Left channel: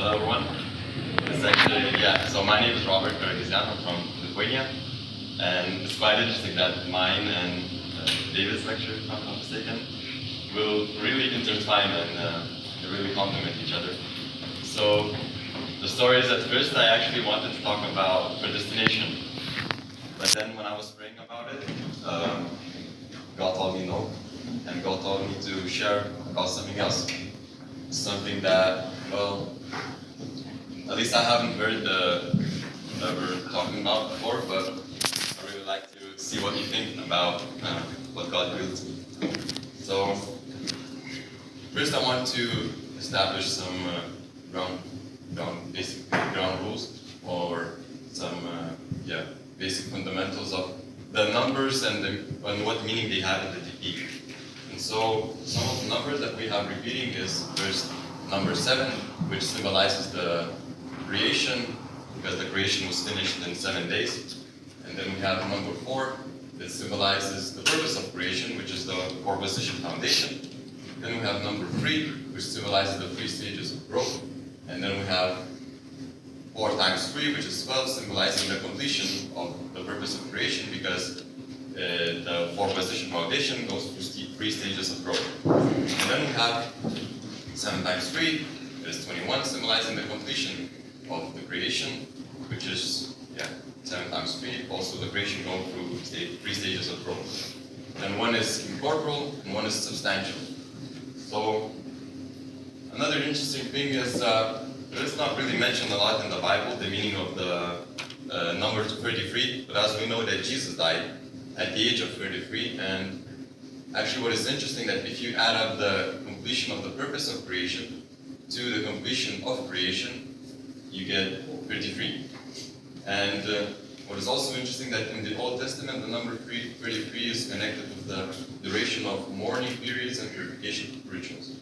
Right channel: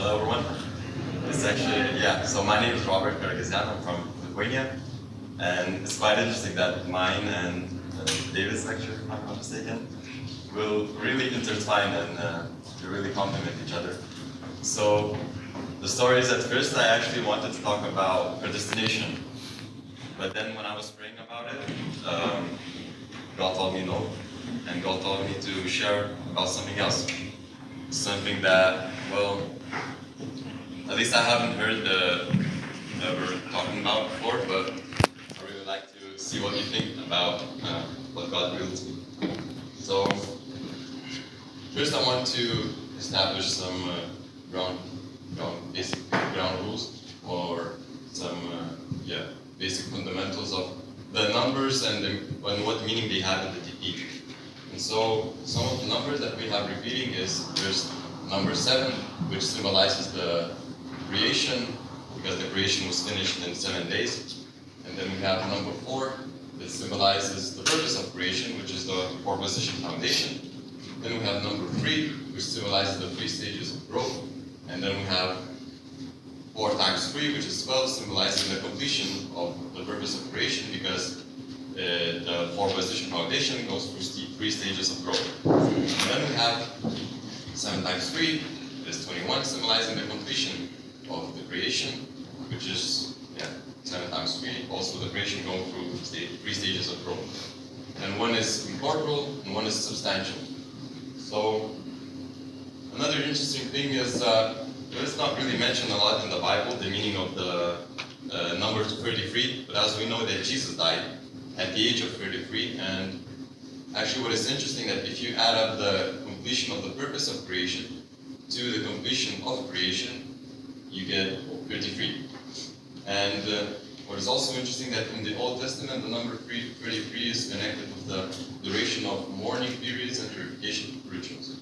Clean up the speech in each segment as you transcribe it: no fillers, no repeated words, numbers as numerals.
Hello everyone. It's actually, so my name is Robert Bergesian. I'm from Lithuania. And it's quite interesting that mine and David's lecture, if I'm not mistaken, will really intertwine and they really complement each other. So the story is, at first I actually wanted to talk about predestination. But then when I was praying about it, God told me no. And God told me to share about something else. Something that, well, at least I haven't heard ever talking about before, but I really like to see what you think about what God revealed to me. So, first I want to establish some basic ground rules, or some basic fundamentals of the numbers and what meaning they have in the TP. And so, some of the numbers that we have repeating is first number 7, which symbolizes the creation, because the creation was finished in 7 days. And then we have number 4, that symbolizes the purpose of creation, which is the 4-position foundation. Then we have number 3, which symbolizes the 3 stages of growth. And then we have 4 times 3, which is 12, symbolizing the completion of the purpose of creation, because the 4-position foundation goes through 3 stages of growth. And then we have 7 times 3 is 21, symbolizing the completion of the creation, which is 7 times 3, also the creation going through 3 stages of growth. And one is incorporeal and one is substantial. So another interesting thing is it's not really mentioned a lot in the Bible, the meaning of the number 33, but as we know that Jesus died at the age of 33, and actually what is interesting that if you add up the completion of the purpose of creation to the completion of creation, you get 33. And what is also interesting that in the Old Testament, the number 33 is connected with the duration of mourning periods and purification rituals.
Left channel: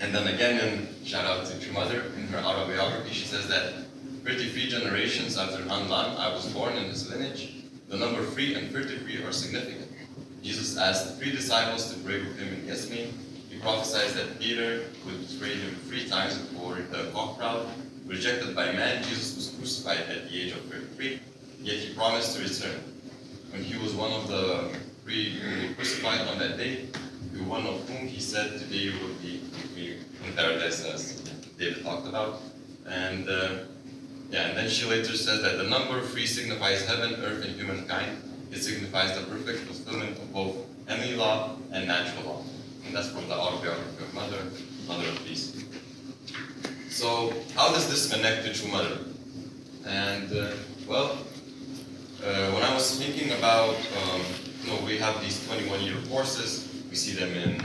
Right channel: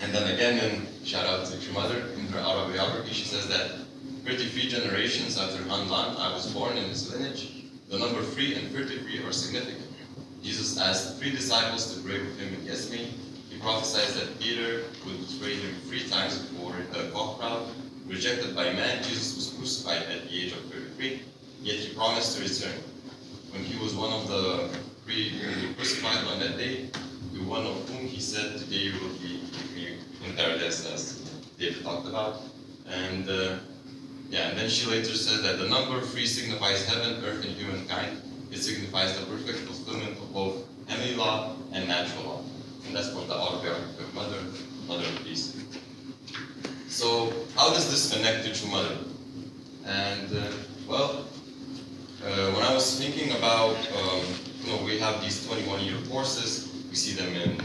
And then again, in shout out to True Mother, in her autobiography, she says that 33 generations after Hanlan, I was born in his lineage. The number 3 and 33 are significant. Jesus asked the 3 disciples to pray with him in Gethsemane. He prophesied that Peter would betray him 3 times before the cock crowd. Rejected by man, Jesus was crucified at the age of 33, yet he promised to return. When he was one of the 3 who were crucified on that day, to one of whom he said, today you will be with me in paradise, as David talked about. And and then she later says that the number 3 signifies heaven, earth, and humankind. It signifies the perfect fulfillment of both heavenly law and natural law. And that's from the autobiography of Mother of Peace. So, how does this connect to True Mother? And, when I was thinking about, we have these 21-year courses, we see them in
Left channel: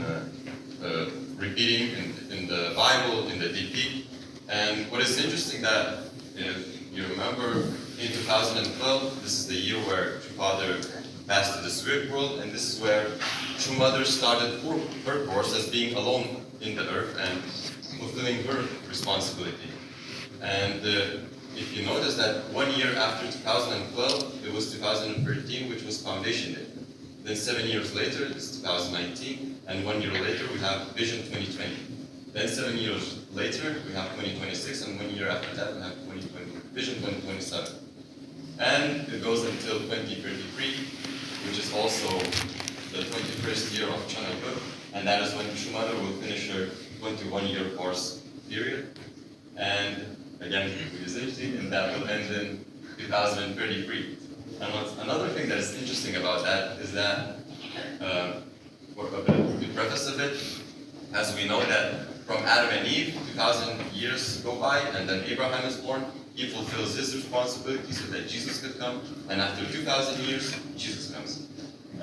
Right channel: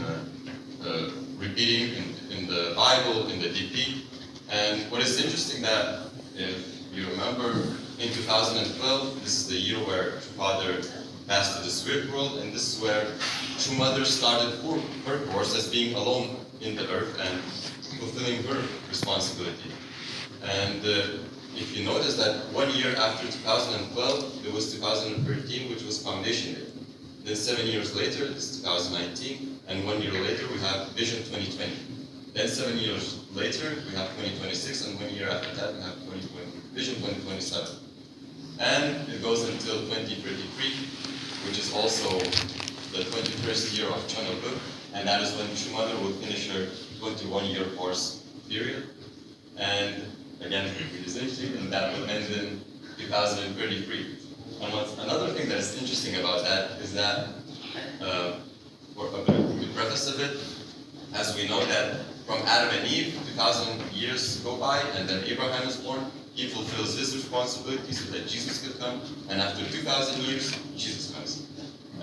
repeating in the Bible, in the DP. And what is interesting that, if you remember, in 2012, this is the year where True Father passed to the spirit world, and this is where True Mother started her course as being alone in the earth and fulfilling her responsibility. And if you notice that 1 year after 2012, it was 2013, which was Foundation Day. Then 7 years later, it's 2019, and 1 year later, we have Vision 2020. Then 7 years later, we have 2026, and 1 year after that, we have Vision 2027. And it goes until 2033, which is also the 21st year of Channel Good, and that is when True Mother will finish her 21-year course period. And again, it is interesting, and that will end in 2033. And another thing that is interesting about that is that, for a bit of the preface of it, as we know that from Adam and Eve, 2,000 years go by, and then Abraham is born. He fulfills his responsibility so that Jesus could come, and after 2,000 years, Jesus comes.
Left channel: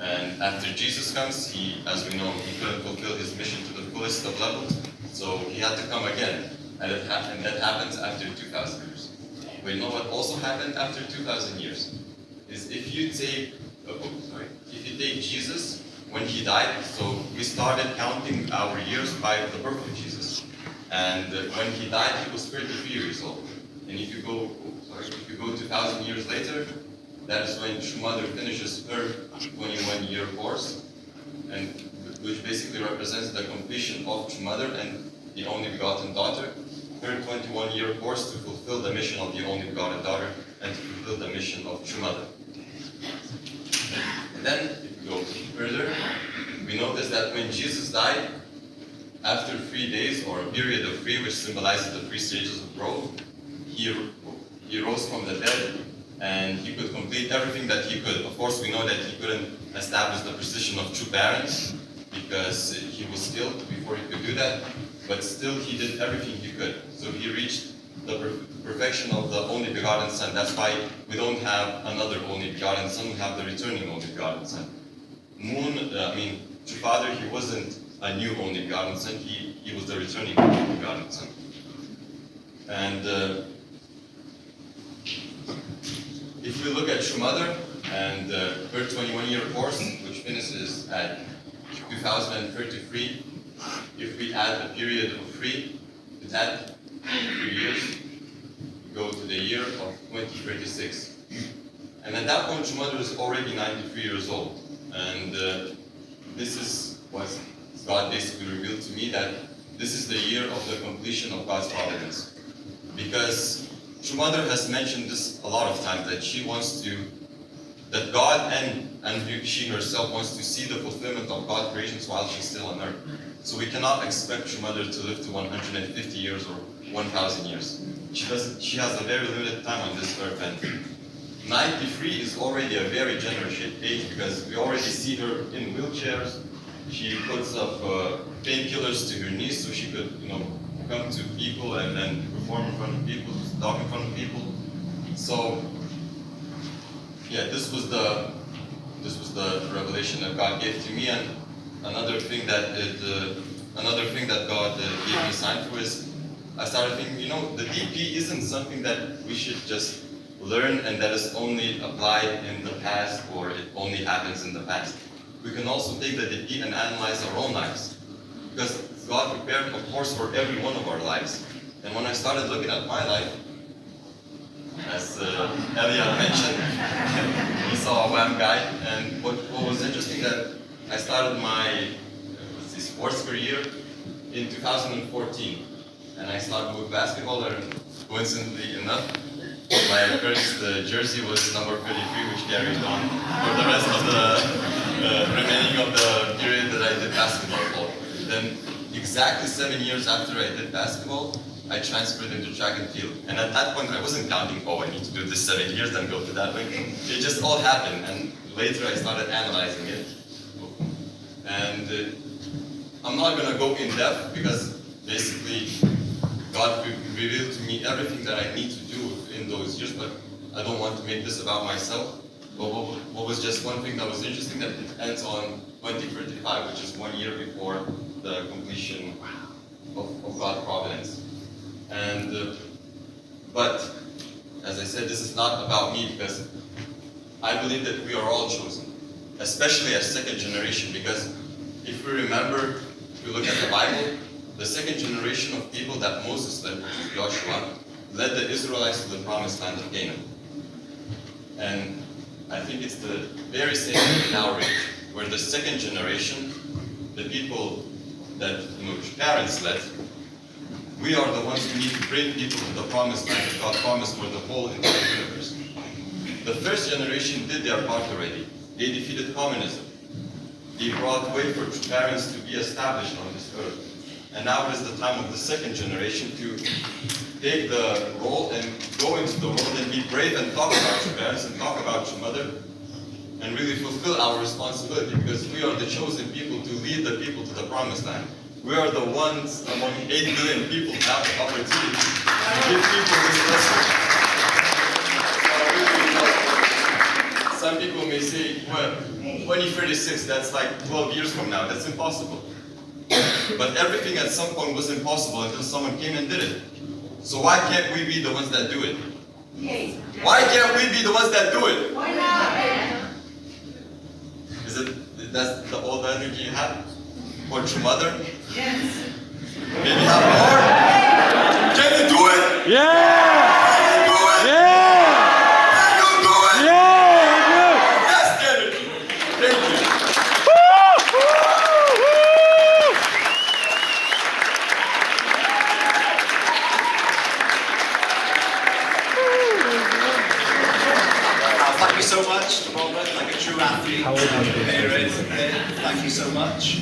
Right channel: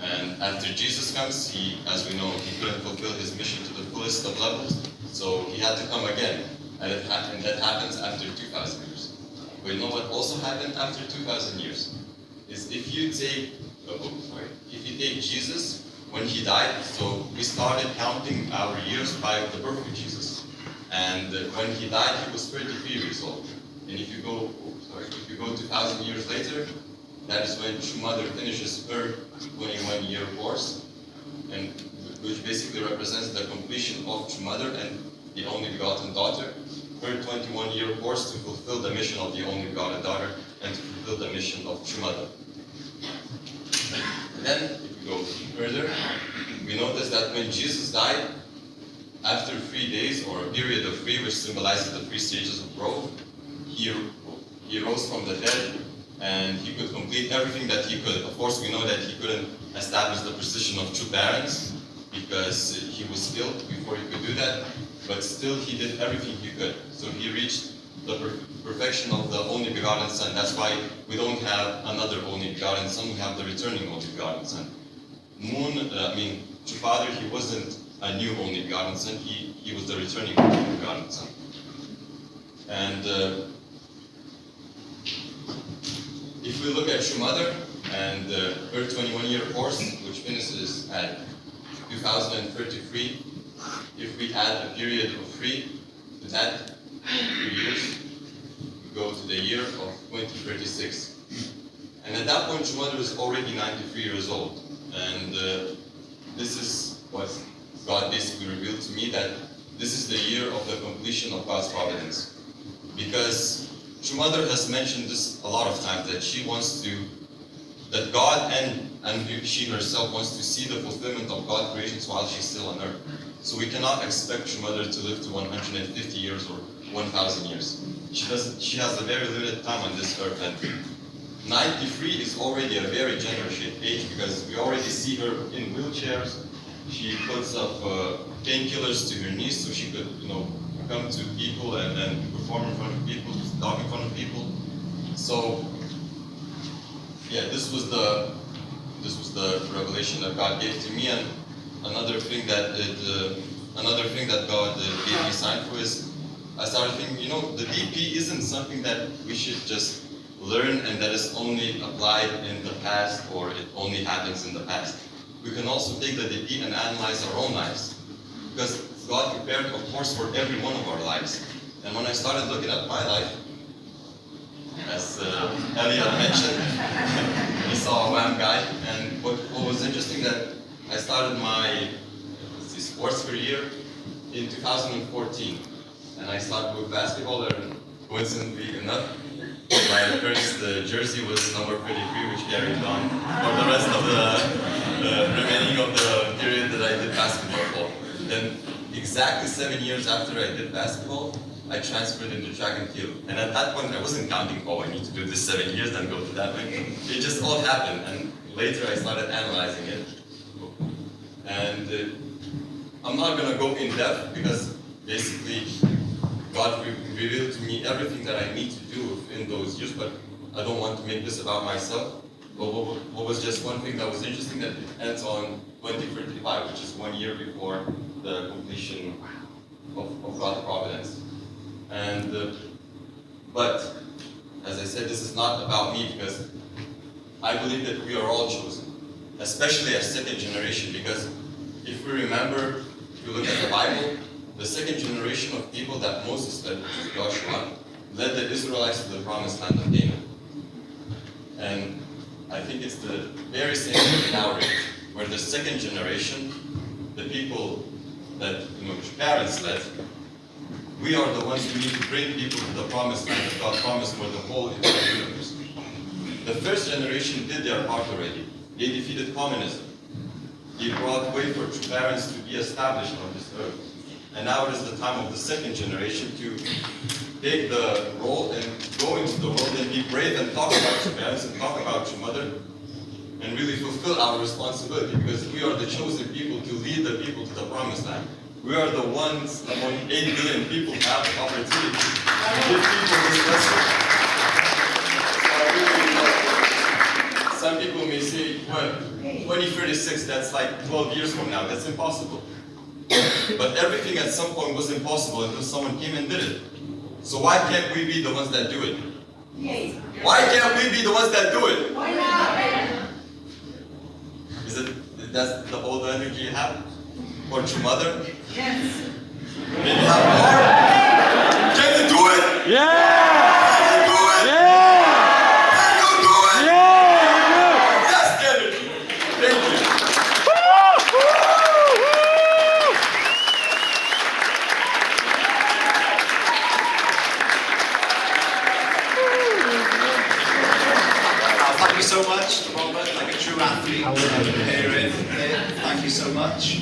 And after Jesus comes, he, as we know, he couldn't fulfill his mission to the fullest of levels, so he had to come again. And that happens after 2,000 years. But you know what also happened after 2,000 years? Is if you take Jesus, when he died, so we started counting our years by the birth of Jesus. And when he died, he was 33 years old. And if you go 2,000 years later, that is when True Mother finishes her 21-year course, and which basically represents the completion of True Mother and the only begotten daughter. her 21-year course to fulfill the mission of the only begotten daughter and to fulfill the mission of true mother. And then, if we go further, we notice that when Jesus died, after 3 days, or a period of 3, which symbolizes the 3 stages of growth, he rose from the dead, and he could complete everything that he could. Of course, we know that he couldn't establish the position of true parents, because he was killed before he could do that, but still he did everything he could. So he reached the perfection of the only begotten Son. That's why we don't have another only begotten Son, we have the returning only begotten Son. True Father, he wasn't a new only begotten Son, he was the returning only begotten Son. And if we look at True Mother and her 21-year course, which finishes at 2033, if we add a period of 3 to that 3 years, we go to the year of 2036. And at that point, True Mother is already 93 years old. And this is what God basically revealed to me, that this is the year of the completion of God's providence. Because True Mother has mentioned this a lot of times, that she wants to, that God and she herself wants to see the fulfillment of God's creations while she's still on earth. So we cannot expect True Mother to live to 150 years or 1,000 years. She has a very limited time on this earth, and 93 is already a very generous age, because we already see her in wheelchairs. She puts up painkillers to her knees so she could, come to people and then perform in front of people, talk in front of people. So, yeah, this was the revelation that God gave to me. And another thing that God gave me sign for is, I started thinking, the DP isn't something that we should just learn and that is only applied in the past, or it only happens in the past. We can also take the DP and analyze our own lives, because God prepared a course for every one of our lives. And when I started looking at my life, as Elia mentioned, we saw a WAM guy, and what was interesting, that I started my sports career in 2014, and I started with basketball, and coincidentally enough, my first jersey was number 33, which carried on for the rest of the remaining of the period that I did basketball. Then, exactly 7 years after I did basketball, I transferred into track and field. And at that point, I wasn't counting, I need to do this 7 years, then go to that way. It just all happened, and later I started analyzing it. And I'm not going to go in depth, because basically God revealed to me everything that I need to do in those years, but I don't want to make this about myself. But what was just one thing that was interesting, that it ends on 2035, which is 1 year before the completion of God's providence. And but as I said, this is not about me, because I believe that we are all chosen, especially as second generation, because if we remember, if you look at the Bible, the second generation of people that Moses led, which is Joshua, led the Israelites to the promised land of Canaan. And I think it's the very same in our age, where the second generation, the people that parents led, we are the ones who need to bring people to the promised land that God promised for the whole entire universe. The first generation did their part already. They defeated communism. They brought way for parents to be established on this earth. And now it is the time of the second generation to take the role and go into the world and be brave and talk about your parents and talk about your mother and really fulfill our responsibility, because we are the chosen people to lead the people to the promised land. We are the ones among 8 billion people who have the opportunity to give people this message. Some people may say, well, 2036, that's like 12 years from now. That's impossible. But everything at some point was impossible until someone came and did it. So why can't we be the ones that do it? Yes. Why can't we be the ones that do it? Why not? That's the old energy you have? For your mother? Yes. Maybe have more? Can you do it? Yeah! Can you do it? Yeah! Can you do it? Yeah! That's energy. Thank you. so much, Robert, like a true athlete. Thank you so much.